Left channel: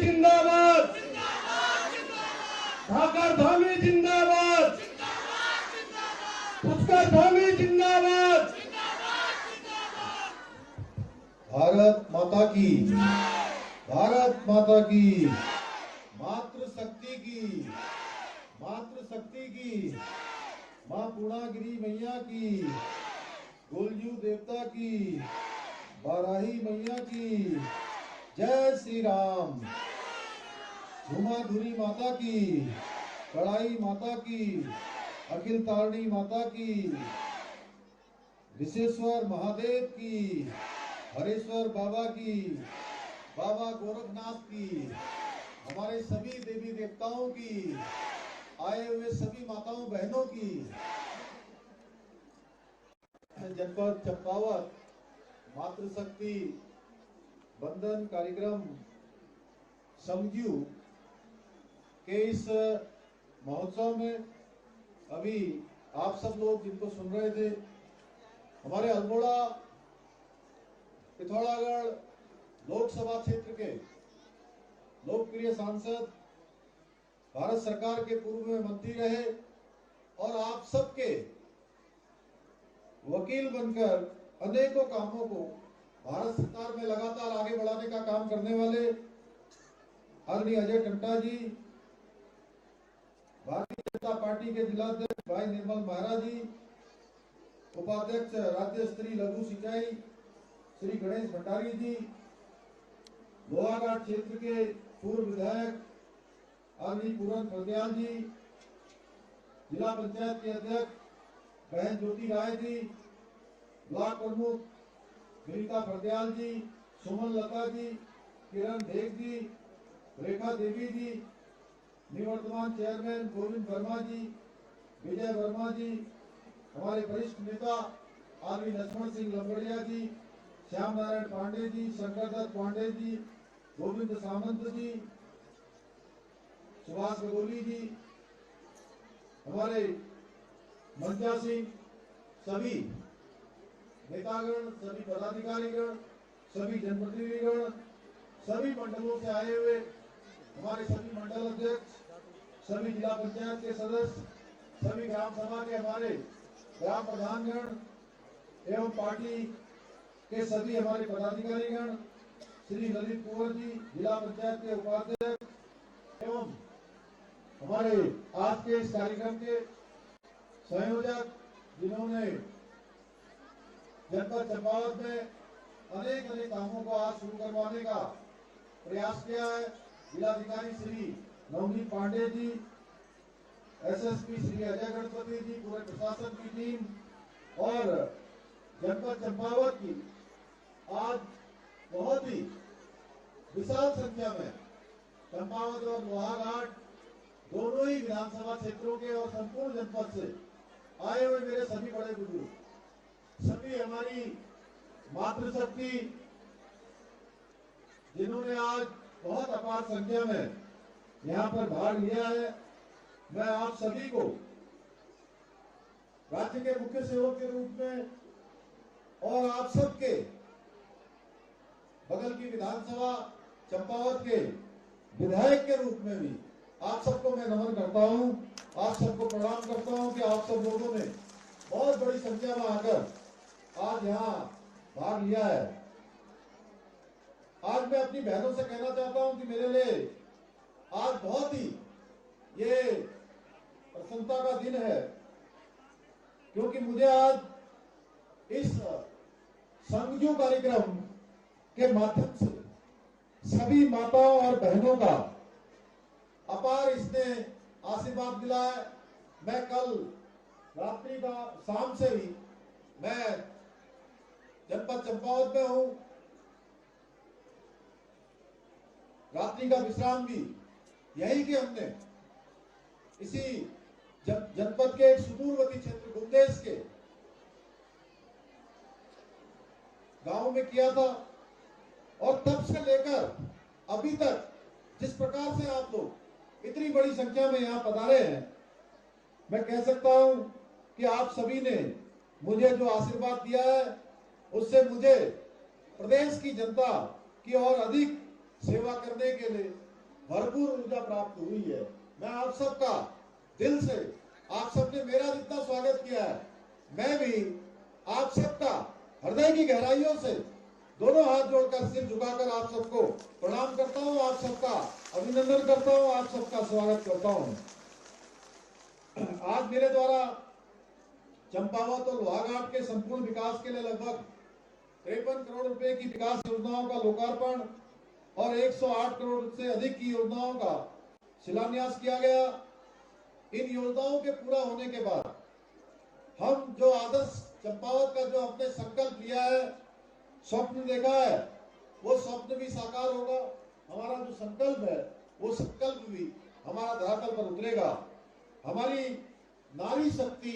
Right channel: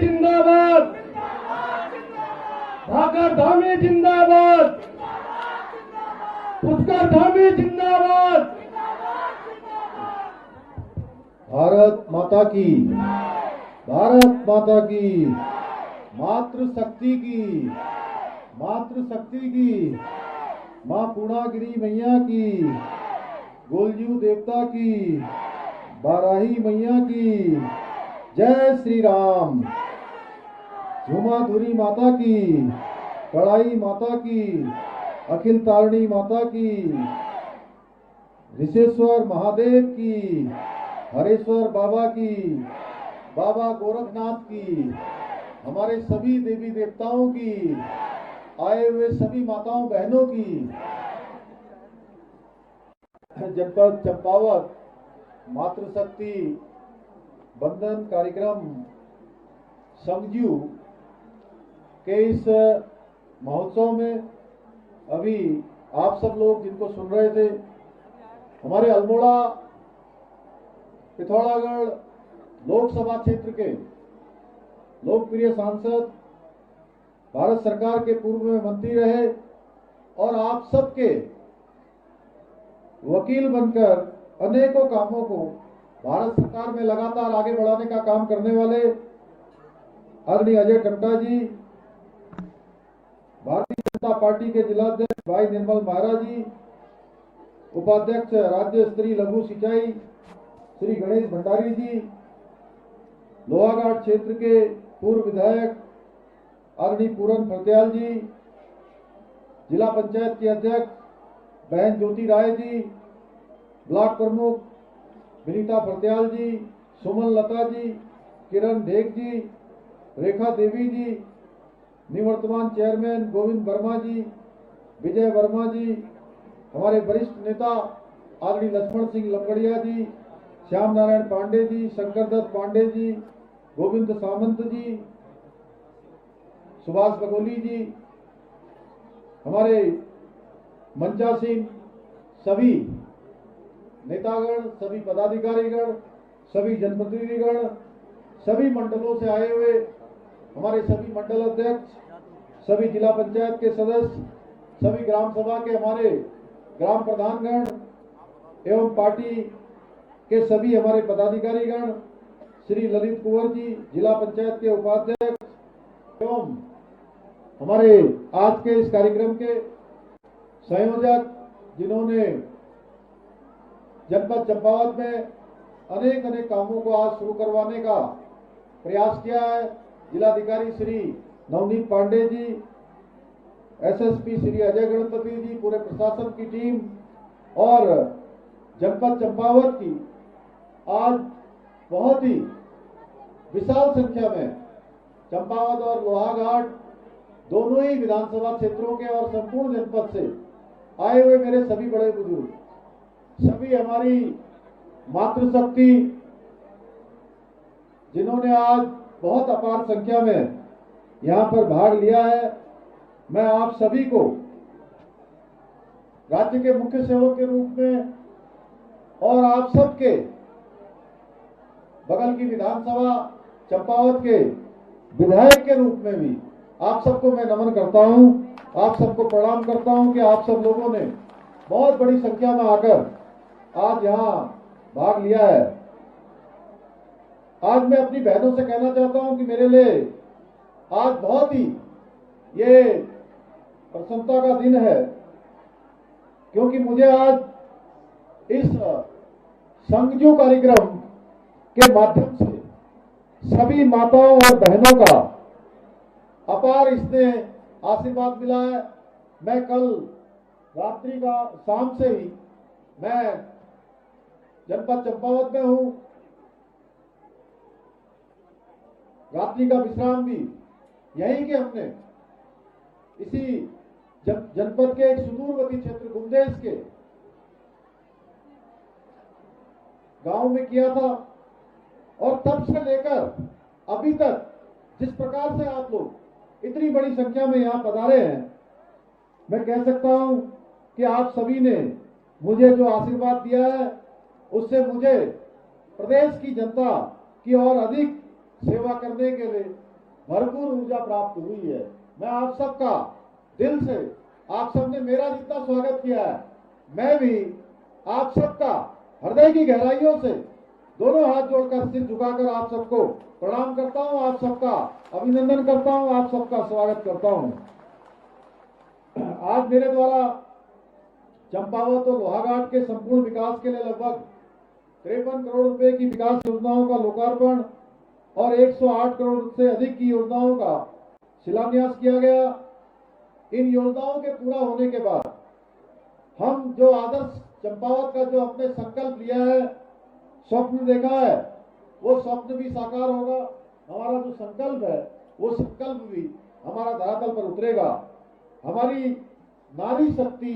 जिंदाबाद, ढाकर धामी जिंदाबाद, पुष्कर धामी जिंदाबाद। भारत माता की, भारत माता की, मातृशक्ति की, मातृशक्ति की, माँ पूर्णागिरी मैया की, गोलजू देवता की, बाराही मैया की, जय श्री राम। झुमाधुरी माता की, कड़ाई माता की, अखिल तारिणी माता की, ऋषेश्वर महादेव की, हरेश्वर बाबा की, बाबा गोरखनाथ की, हमारे सभी देवी देवताओं की, आए हुए सभी माताओं बहनों की। जनपद चंपावत मातृशक्ति बंधन कार्यक्रम समझू के इस महोत्सव में अभी आप सब लोग जिनको सुन रहे थे, हमारे अल्मोड़ा पिथौरागढ़ लोकसभा क्षेत्र के लोकप्रिय सांसद, भारत सरकार के पूर्व में मंत्री रहे और आप सबके वकील बनकर अनेकों कामों को भारत सरकार में लगातार आगे बढ़ाने का काम करने वाले आदरणीय अजय टम्टा जी, भारतीय जनता पार्टी के जिलाध्यक्ष भाई निर्मल महरा जी, उपाध्यक्ष राज्य स्तरीय लघु सिंचाई श्री गणेश भंडारी जी, लोहाघाट क्षेत्र के पूर्व विधायक आदरणीय पूरन फरदयाल जी, जिला पंचायत के अध्यक्ष बहन ज्योति राय जी, ब्लॉक प्रमुख विनीता फरदयाल जी, सुमन लता जी, किरण ढेक जी, रेखा देवी जी, निवर्तमान चेयरमैन गोविंद वर्मा जी, विजय वर्मा जी, हमारे वरिष्ठ नेता आदरणीय लक्ष्मण सिंह लंगड़िया जी, श्याम नारायण पांडे जी, शंकर दत्त पांडे जी, गोविंद सामंत जी, सुभाष बगोली जी, हमारे मंचासीन सभी नेतागण, सभी पदाधिकारीगण, सभी जनप्रतिनिधिगण, सभी मंडलों से आए हुए हमारे सभी मंडल अध्यक्ष, सभी जिला पंचायत के सदस्य, सभी ग्राम सभा के हमारे ग्राम प्रधानगण एवं पार्टी के सभी हमारे पदाधिकारीगण, श्री ललित कुंवर जी, जिला पंचायत के उपाध्यक्ष एवं हमारे आज के इस कार्यक्रम के संयोजक, जिन्होंने जनपद चंपावत में अनेक अनेक कामों को आज शुरू करवाने का प्रयास किया है, जिलाधिकारी श्री नवनीत पांडे जी, एसएसपी श्री अजय गणपति जी, पूरे प्रशासन की टीम और जनपद चंपावत की आज बहुत ही विशाल संख्या में चंपावत और लोहाघाट दोनों ही विधानसभा क्षेत्रों के और संपूर्ण जनपद से आए हुए मेरे सभी बड़े बुजुर्ग, सभी हमारी मातृशक्ति, जिन्होंने आज बहुत अपार संख्या में यहाँ पर भाग लिया है, मैं आप सभी को राज्य के मुख्य सेवक के रूप में और आप सबके बगल की विधानसभा चंपावत के विधायक के रूप में भी आप सबको मैं नमन करता हूं, आप सबको प्रणाम करता हूं कि आप सब लोगों ने बहुत बड़ी संख्या में आकर आज यहाँ भाग लिया है। आज मैं अपनी बहनों से कहना चाहता हूं कि मेरे लिए आज बहुत ही ये प्रसन्नता का दिन है, क्योंकि मुझे आज इस संगजू कार्यक्रम के माध्यम से सभी माताओं और बहनों का अपार इसमें आशीर्वाद मिला है। मैं कल रात्रि का शाम से ही मैं जनपद चंपावत में हूं, रात्रि का विश्राम भी यही कि हमने इसी जनपद के एक सुदूरवर्ती क्षेत्र गुमदेश के गांव में किया था, और तब से लेकर अभी तक जिस प्रकार से आप लोग इतनी बड़ी संख्या में यहाँ पधारे हैं, मैं कह सकता हूं कि आप सभी ने मुझे जो आशीर्वाद दिया है उससे मुझे प्रदेश की जनता की और अधिक सेवा करने के लिए भरपूर ऊर्जा प्राप्त हुई है। मैं आप सबका दिल से, आप सबने मेरा जितना स्वागत किया है, मैं भी आप सबका हृदय की गहराइयों से दोनों हाथ जोड़कर, सिर झुकाकर आप सबको प्रणाम करता हूं, आप सबका अभिनंदन करता हूं, आप सबका स्वागत करता हूं। आज मेरे द्वारा चंपावत और लोहाघाट के संपूर्ण विकास के लिए लगभग 53 करोड़ रुपए की विकास योजनाओं का लोकार्पण और 108 करोड़ से अधिक की योजनाओं का शिलान्यास किया गया। इन योजनाओं के पूरा होने के बाद हम जो आदर्श चंपावत का जो अपने संकल्प लिया है, स्वप्न देखा है, वो स्वप्न भी साकार होगा। हमारा जो संकल्प है वो संकल्प भी हमारा धरातल पर उतरेगा। हमारी नारी शक्ति,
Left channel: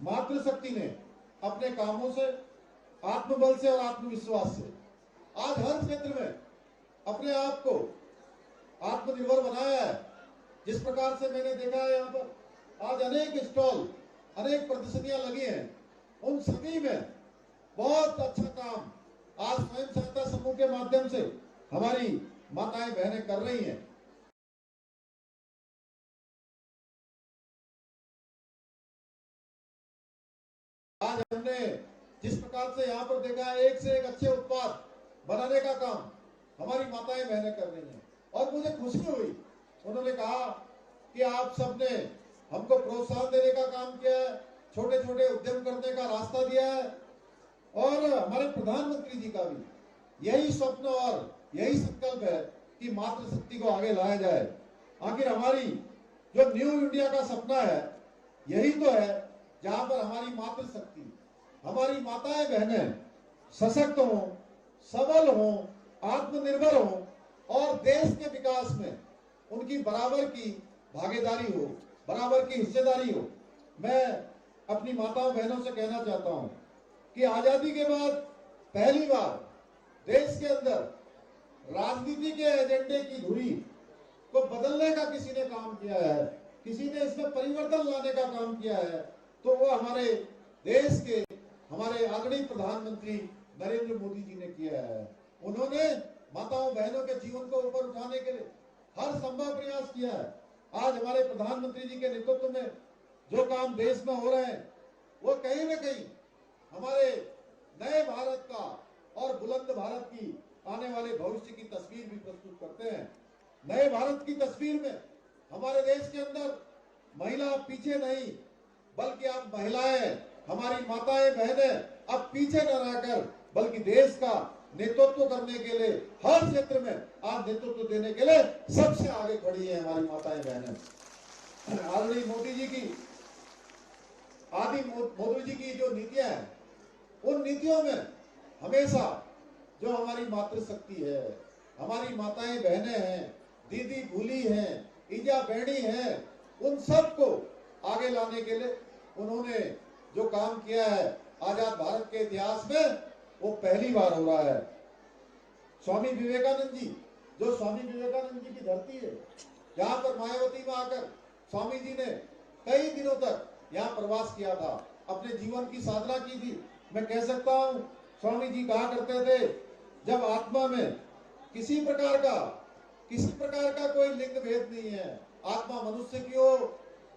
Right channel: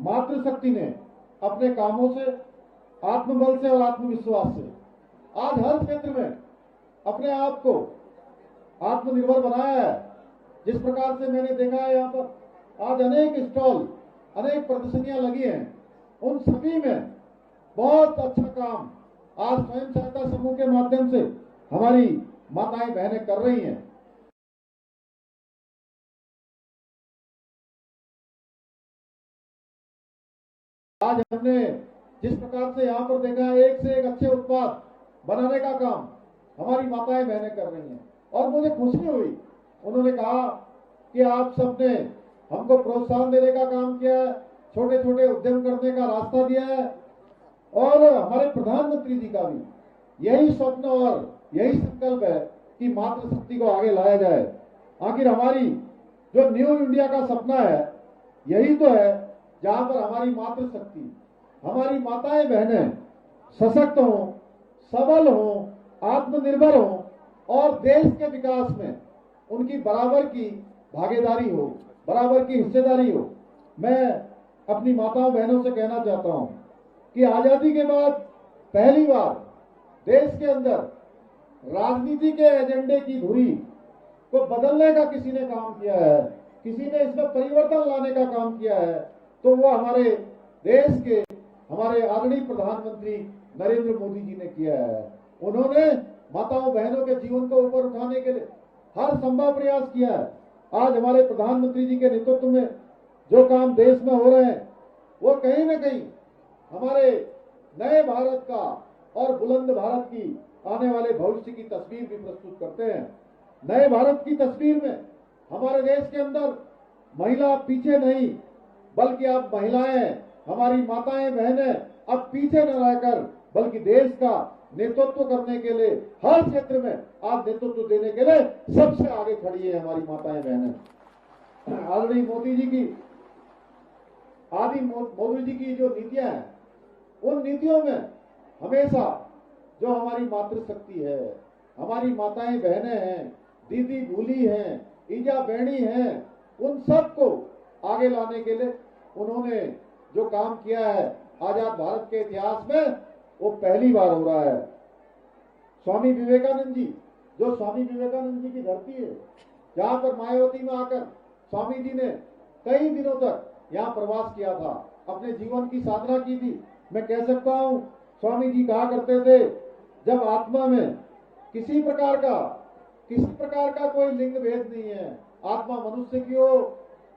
मातृशक्ति ने अपने कामों से, आत्मबल से और आत्मविश्वास से आज हर क्षेत्र में अपने आप को आत्मनिर्भर बनाया है। जिस प्रकार से मैंने देखा है, यहाँ पर आज अनेक स्टॉल, अनेक प्रदर्शनियां लगी हैं, उन सभी में बहुत अच्छा काम आज स्वयं सहायता समूह के माध्यम से हमारी माताएं बहनें कर रही हैं। आज हमने जिस प्रकार से यहाँ पर देखा है, एक से एक अच्छे उत्पाद बनाने का काम हमारी माताएं बहनें कर रही हैं और मुझे खुशी हुई। उन्होंने कहा कि आप सबने हमको प्रोत्साहन देने का काम किया है, छोटे छोटे उद्यम करने का रास्ता दिया है और हमारे प्रधानमंत्री जी का भी यही स्वप्न और यही संकल्प है कि मातृशक्ति को आगे लाया जाए। आखिर हमारी जो न्यू इंडिया का सपना है यही तो है, जहां पर हमारी मातृशक्ति, हमारी माताएं बहनें सशक्त हों, सबल हों, आत्मनिर्भर हों और देश के विकास में उनकी बराबर की भागीदारी हो, बराबर की हिस्सेदारी हो। मैं अपनी माताओं बहनों से कहना चाहता हूं कि आजादी के बाद पहली बार देश के अंदर राजनीति के एजेंडे की धुरी को बदलने का किसी ने काम किया है, किसी ने इसमें परिवर्तन लाने का काम किया है, तो वो हमारे देश के, हमारे आदरणीय प्रधानमंत्री नरेंद्र मोदी जी ने किया है। उन्होंने माताओं बहनों के जीवन को ऊपर उठाने के लिए हर संभव प्रयास किया है। आज हमारे प्रधानमंत्री जी के नेतृत्व में जो काम देश में हो रहे हैं वो कहीं न कहीं हमारे नए भारत का और बुलंद भारत की आने वाले भविष्य की तस्वीर भी प्रस्तुत करते हैं। नए भारत की तस्वीर में हमारे देश के अंदर महिला पीछे नहीं, बल्कि अब महिलाएं, हमारी माताएं बहनें अब पीछे न रहकर बल्कि देश का नेतृत्व करने के लिए हर क्षेत्र में आज नेतृत्व देने के लिए सबसे आगे खड़ी है हमारी माताएं बहनें। आदरणीय मोदी जी की जो नीतियां हैं, उन नीतियों में हमेशा जो हमारी मातृशक्ति है, हमारी माताएं बहनें हैं, दीदी भूली हैं, ईजा बहनी हैं, उन सबको आगे लाने के लिए उन्होंने जो काम किया है आजाद भारत के इतिहास में वो पहली बार हो रहा है। स्वामी विवेकानंद जी, जो स्वामी विवेकानंद जी की धरती है, जहां पर मायावती में आकर स्वामी जी ने कई दिनों तक यहाँ प्रवास किया था, अपने जीवन की साधना की थी। मैं कह सकता हूँ स्वामी जी कहा करते थे, जब आत्मा में किसी प्रकार का कोई लिंग भेद नहीं है, आत्मा मनुष्य की हो,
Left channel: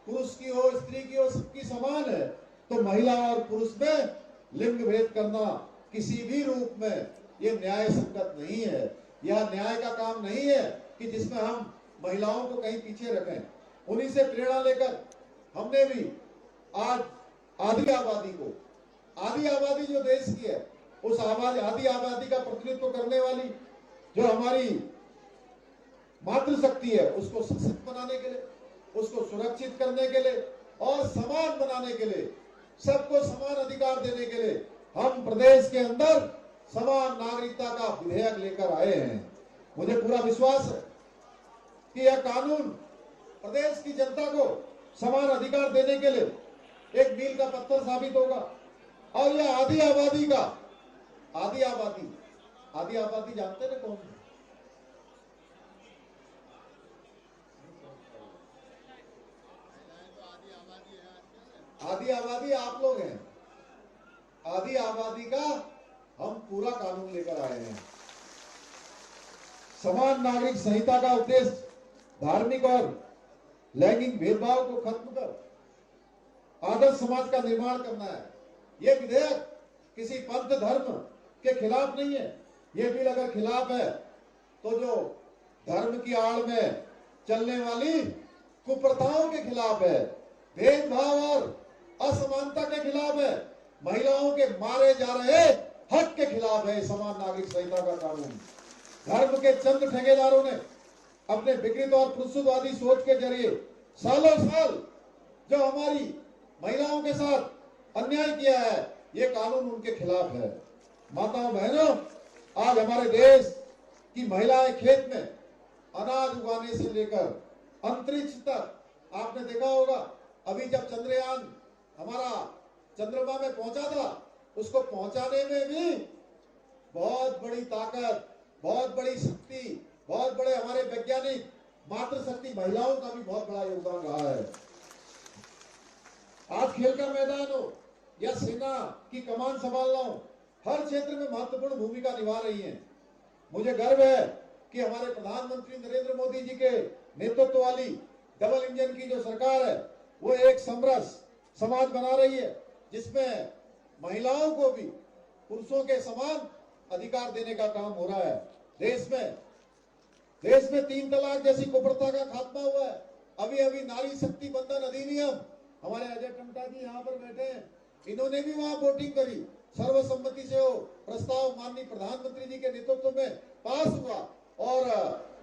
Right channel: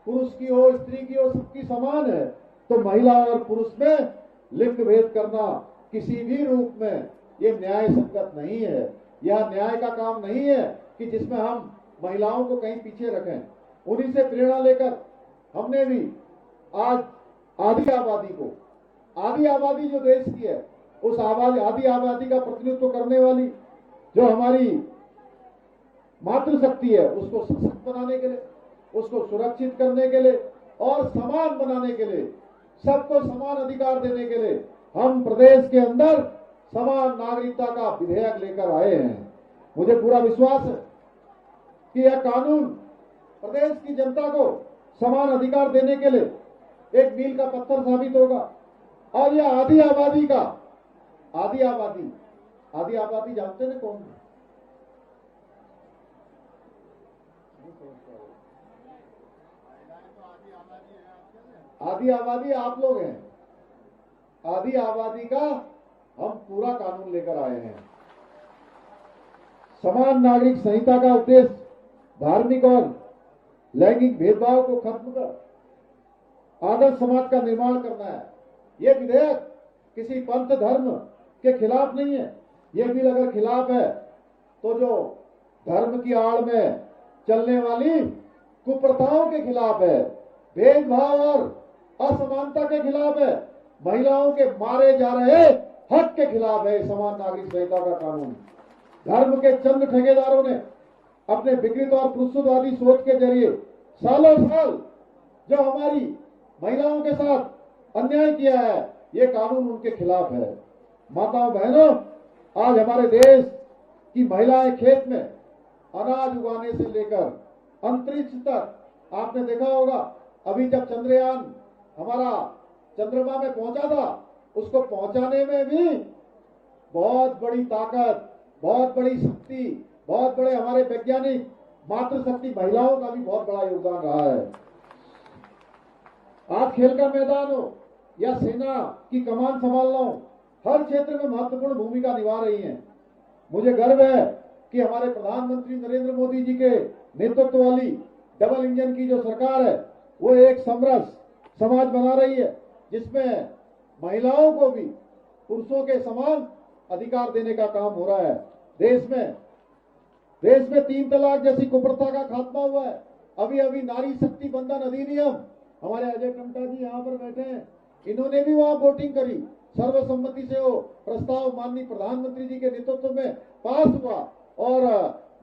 पुरुष की हो, स्त्री की हो, सबकी समान है, तो महिला और पुरुष में लिंग भेद करना किसी भी रूप में ये न्याय संगत नहीं है। यह न्याय का काम नहीं है कि जिसमें हम महिलाओं को कहीं पीछे रखें। उन्हीं से प्रेरणा लेकर हमने भी आज आधी आबादी जो देश की है, उस आधी आबादी का प्रतिनिधित्व करने वाली जो हमारी मातृशक्ति है, उसको सशक्त बनाने के लिए, उसको सुरक्षित करने के लिए और समान बनाने के लिए, सबको समान अधिकार देने के लिए हम प्रदेश के अंदर समान नागरिकता का विधेयक लेकर आए हैं। मुझे पूरा विश्वास है कि यह कानून प्रदेश की जनता को समान अधिकार देने के लिए एक मील का पत्थर साबित होगा। और यह आधी आबादी जानते ना कौन? आधी आबादी आप लोग हैं। आधी आबादी का हम पूरा कानून लेकर आए हैं। समान नागरिक संहिता का उद्देश्य धार्मिक और लैंगिक भेदभाव को खत्म कर आदर्श समाज का निर्माण करना है। ये विधेयक किसी पंथ धर्म के खिलाफ नहीं है। ये बिल अगर खिलाफ है तो जो धर्म की आड़ में चलने वाली कुप्रथाओं के खिलाफ है, भेदभाव और असमानता के खिलाफ है, महिलाओं के मारे जा रहे हक के खिलाफ है समान नागरिक संहिता का कानून। धर्म के चंद ठेकेदारों ने अपने विकृत और पुरुषवादी सोच के जरिए सालों साल जो हमारी महिलाओं के साथ अन्याय किया है, ये कानून उनके खिलाफ है। माताओं बहनों, आज हमारे देश की महिलाएं खेत में अनाज उगाने से लेकर अंतरिक्ष तक, आपने देखा होगा अभी जब चंद्रयान हमारा चंद्रमा में पहुंचा था, उसको पहुंचाने में भी बहुत बड़ी ताकत, बहुत बड़ी शक्ति, बहुत बड़े हमारे वैज्ञानिक मातृशक्ति महिलाओं का भी बहुत बड़ा योगदान रहा है। आज खेल का मैदान हो या सेना की कमान संभालना हो, हर क्षेत्र में महत्वपूर्ण भूमिका निभा रही हैं। मुझे गर्व है कि हमारे प्रधानमंत्री नरेंद्र मोदी जी के नेतृत्व वाली डबल इंजन की जो सरकार है, वो एक समरस समाज बना रही है, जिसमें महिलाओं को भी पुरुषों के समान अधिकार देने का काम हो रहा है। देश में 3 तलाक जैसी कुप्रथा का खात्मा हुआ है। अभी अभी नारी शक्ति बंधन अधिनियम, हमारे अजय टमटा जी यहाँ पर बैठे हैं, इन्होंने भी वहां वोटिंग करी, सर्वसम्मति से वो प्रस्ताव माननीय प्रधानमंत्री जी के नेतृत्व में पास हुआ और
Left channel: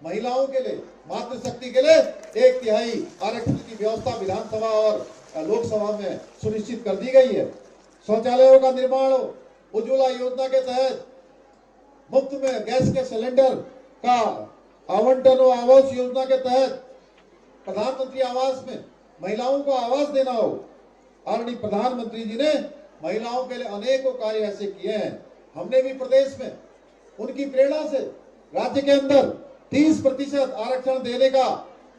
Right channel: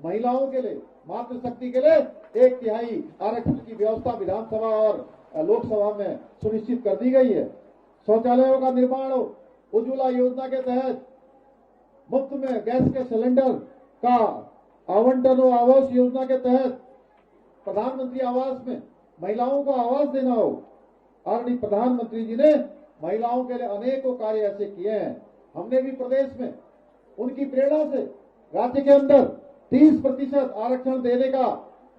महिलाओं के लिए, मातृशक्ति के लिए 1/3 आरक्षण की व्यवस्था विधानसभा और लोकसभा में सुनिश्चित कर दी गई है। शौचालयों का निर्माण हो, उज्ज्वला योजना के तहत मुफ्त में गैस के सिलेंडर का आवंटन हो, आवास योजना के तहत प्रधानमंत्री आवास में महिलाओं को आवास देना हो। आदरणीय प्रधानमंत्री जी ने महिलाओं के लिए अनेकों कार्य ऐसे किए हैं। हमने भी प्रदेश में उनकी प्रेरणा से राज्य के अंदर 30% आरक्षण देने का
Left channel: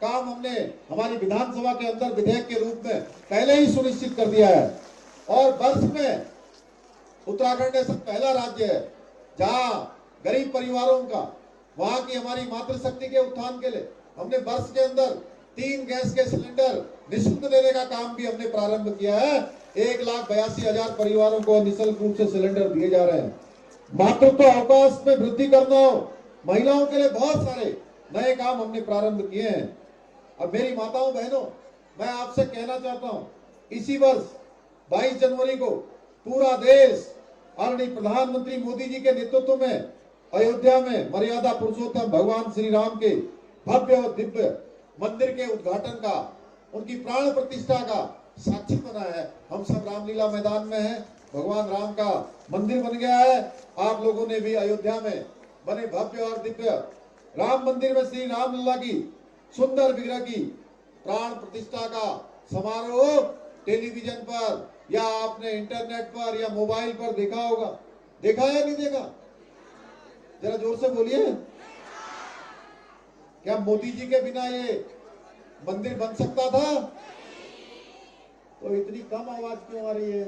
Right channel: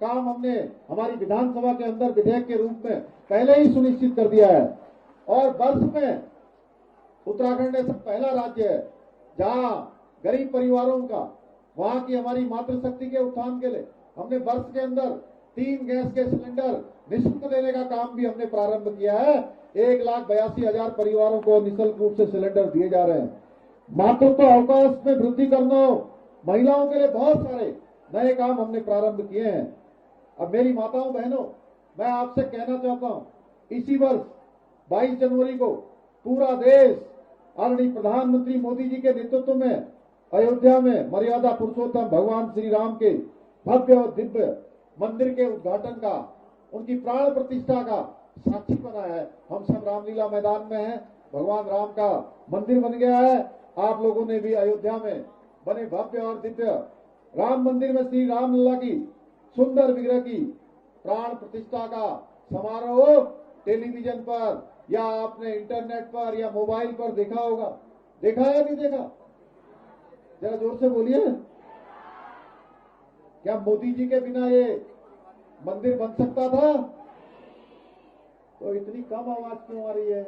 काम हमने हमारी विधानसभा के अंदर विधेयक के रूप में पहले ही सुनिश्चित कर दिया है। और वर्ष में उत्तराखंड ऐसा पहला राज्य है जहां गरीब परिवारों का, वहां की हमारी मातृशक्ति के उत्थान के लिए हमने वर्ष के अंदर 3 गैस के सिलेंडर निःशुल्क देने का काम भी हमने प्रारंभ किया है। 1,82,000 परिवारों को निःशुल्क रूप से सिलेंडर दिए जा रहे हैं। मातृत्व अवकाश में वृद्धि करना, महिलाओं के लिए बहुत सारे नए काम हमने प्रारंभ किए हैं। अब मेरी माताओं बहनों, मैं आपसे कहना चाहता हूं, इसी वर्ष 22 जनवरी को पूरा देश आदरणीय प्रधानमंत्री मोदी जी के नेतृत्व में अयोध्या में मर्यादा पुरुषोत्तम भगवान श्री राम के भव्य और दिव्य मंदिर के उद्घाटन का, उनकी प्राण प्रतिष्ठा का साक्षी बना है। हम सब रामलीला मैदान में हैं, भगवान राम का मंदिर बन गया है। आप लोगों ने भी अयोध्या में बने भव्य और दिव्य राम मंदिर में श्री रामलला की सुंदर विग्रह की प्राण प्रतिष्ठा का समारोह टेलीविजन पर या आपने इंटरनेट पर या मोबाइल पर देखा होगा। देखा या नहीं देखा? जरा जोर से बोलिए। क्या मोदी जी के बिना ये मंदिर बन सकता था? तो इतनी कम आवाज क्यों आ रही है?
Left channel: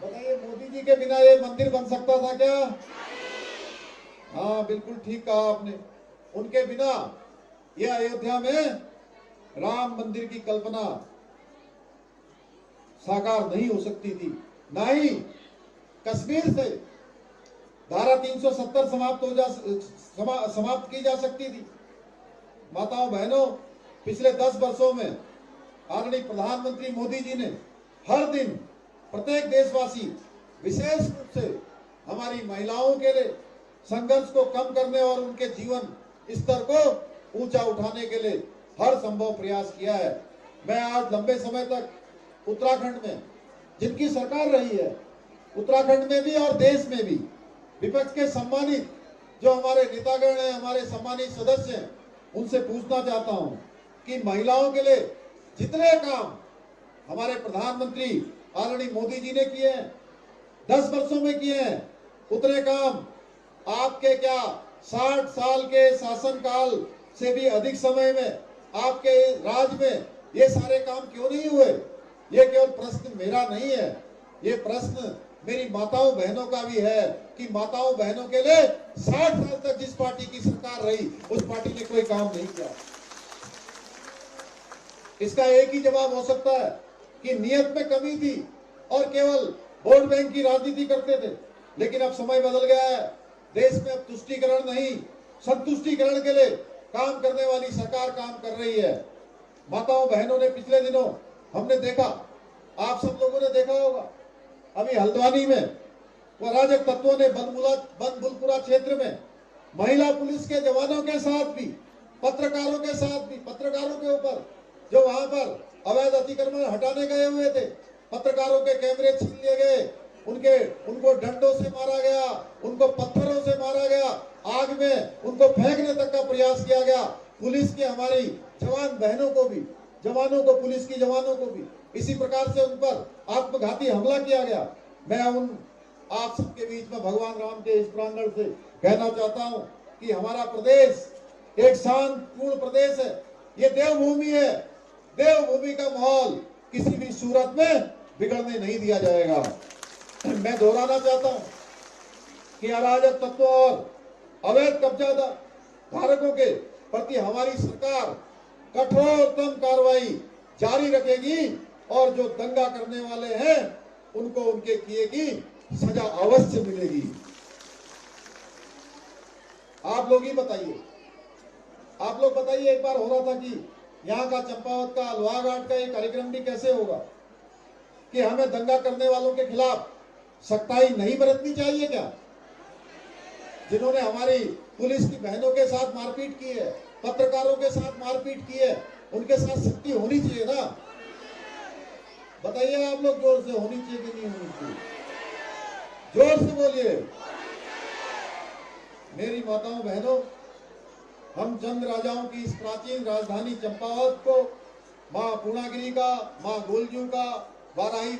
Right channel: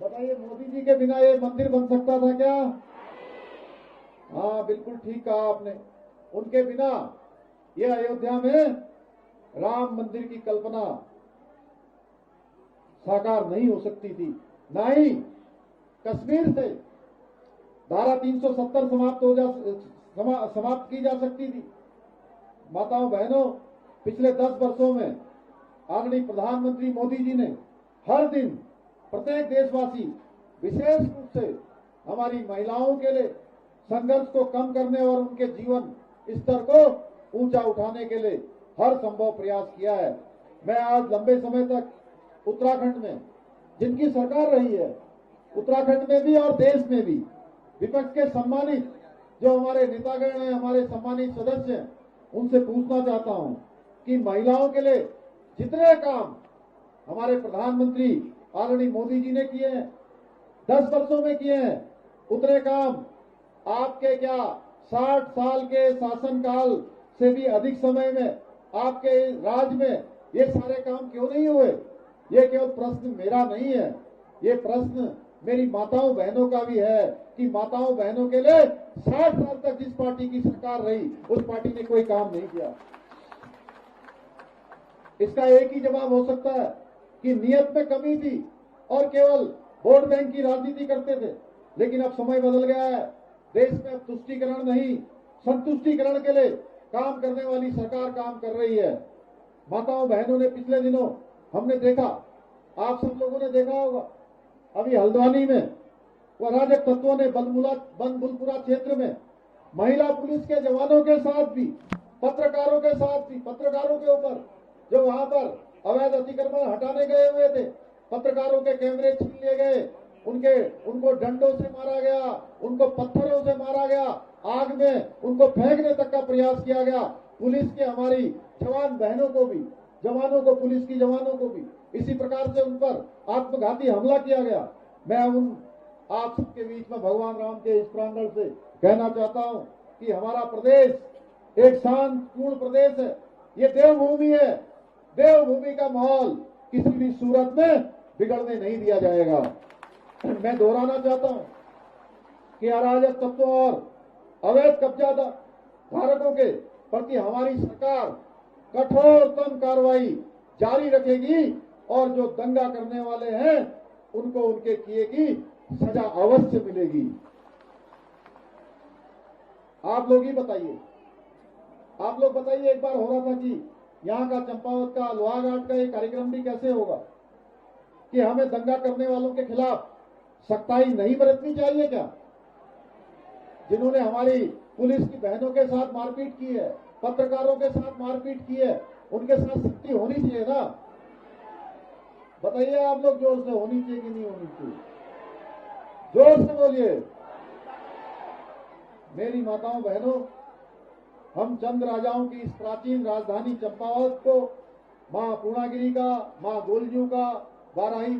बताइए, मोदी जी के बिना ये मंदिर बन सकता था क्या? हाँ, बिल्कुल ठीक कहा आपने। उनके बिना ये अयोध्या में राम मंदिर की कल्पना साकार नहीं हो सकती थी। ना ही कश्मीर से धारा 370 समाप्त की जा सकती थी। माताओं बहनों, पिछले 10 वर्षों में आदरणीय प्रधानमंत्री मोदी जी ने हर दिन प्रत्येक देशवासी, विशेष रूप से हमारी महिलाओं के लिए संघर्ष को कम करने और उनके जीवन स्तर को ऊंचा उठाने के लिए हर संभव प्रयास किया है। मैं आज लंबे समय तक उत्तराखंड में जिनकी सरकार रही है, उत्तराखंड में भी और देश में भी विपक्ष के सम्मानित जो हमारे नेतागण हैं, हमारे सम्मानित सदस्य हैं, उनसे पूछना चाहता हूं कि महिलाओं के लिए जितने काम हमारे प्रधानमंत्री आदरणीय मोदी जी ने किए हैं, 10 वर्षों में किए हैं, उतने काम आपके क्या 60 साल के शासनकाल से भी अधिक समय में आपके राज में ये सारे काम क्यों नहीं हुए? ये केवल प्रश्न मेरा नहीं है, ये प्रश्न मेरी माताओं बहनों का भी है कि माताओं बहनों के लिए 60 साल तक जिस पार्टी की सरकार रही उस पार्टी ने कोई काम नहीं किया। इसका एक ही जवाब हो सकता है कि नियत में कमी थी और केवल वोट बैंक की राजनीति करते थे। लेकिन अब समय बदल गया है। देश में अब तुष्टीकरण नहीं, संतुष्टीकरण के लिए काम करने वाली सरकार काम कर रही है। माताओं बहनों ने पिछले दिनों हमने देखा, आप सब लोगों ने देखा होगा, अभी हल्द्वानी में वो अराजक तत्वों ने बनबुलपुरा क्षेत्र में महिला पुलिस के जवानों के साथ भी, पत्रकारों के साथ भी, पत्रकारों के ऊपर जो वहां पर अवैध अतिक्रमण हटाने गए हुए थे, पत्रकारों के कैमरे छीन लिए गए, उनको डंडों से मारा गया, उनको पत्थरों से मारा गया, आग में उनको फेंकने तक का प्रयास किया गया। पुलिस के हमारी जवान बहनों को भी, जवानों को, पुलिस की जवानों को भी इसी प्रकार से उन पर आत्मघाती हमला किया गया। मैं उन आप सबके बीच में भगवान राम के इस प्रांगण से कहना चाहता हूं कि हमारा प्रदेश एक शांतिपूर्ण प्रदेश है। ये देवभूमि है। देवभूमि का माहौल किसी भी सूरत में बिगड़ने नहीं दिया जाएगा। मैं दोहराना चाहता हूं कि अराजक तत्वों और अवैध कब्जा धारकों के प्रति हमारी सरकार कठोरतम कार्रवाई जारी रखेगी और जो दंगा करने वाले हैं उनको उनके किए की सजा अवश्य मिलेगी। आप लोग ही बताइए, आप लोग बताइए, एक बार हो रहा था कि यहाँ का चंपावत का, लोहाघाट का एक कार्यक्रम भी कैसे होगा कि हमें दंगा करने वालों के खिलाफ सख्ताई नहीं बरतनी चाहिए क्या? जिन्होंने हमारी पुलिस की बहनों के साथ मारपीट की है, पत्रकारों के साथ मारपीट की है, उनके साथ सख्ती होनी चाहिए ना? बताइए आप लोग जोर से, होनी चाहिए कि नहीं होनी चाहिए? जोर से बोलिए। मेरी माताओं बहनों, हम चंद राजाओं की इस प्राचीन राजधानी चंपावत को मां पूर्णागिरी का, मां गोलजू का, वाराही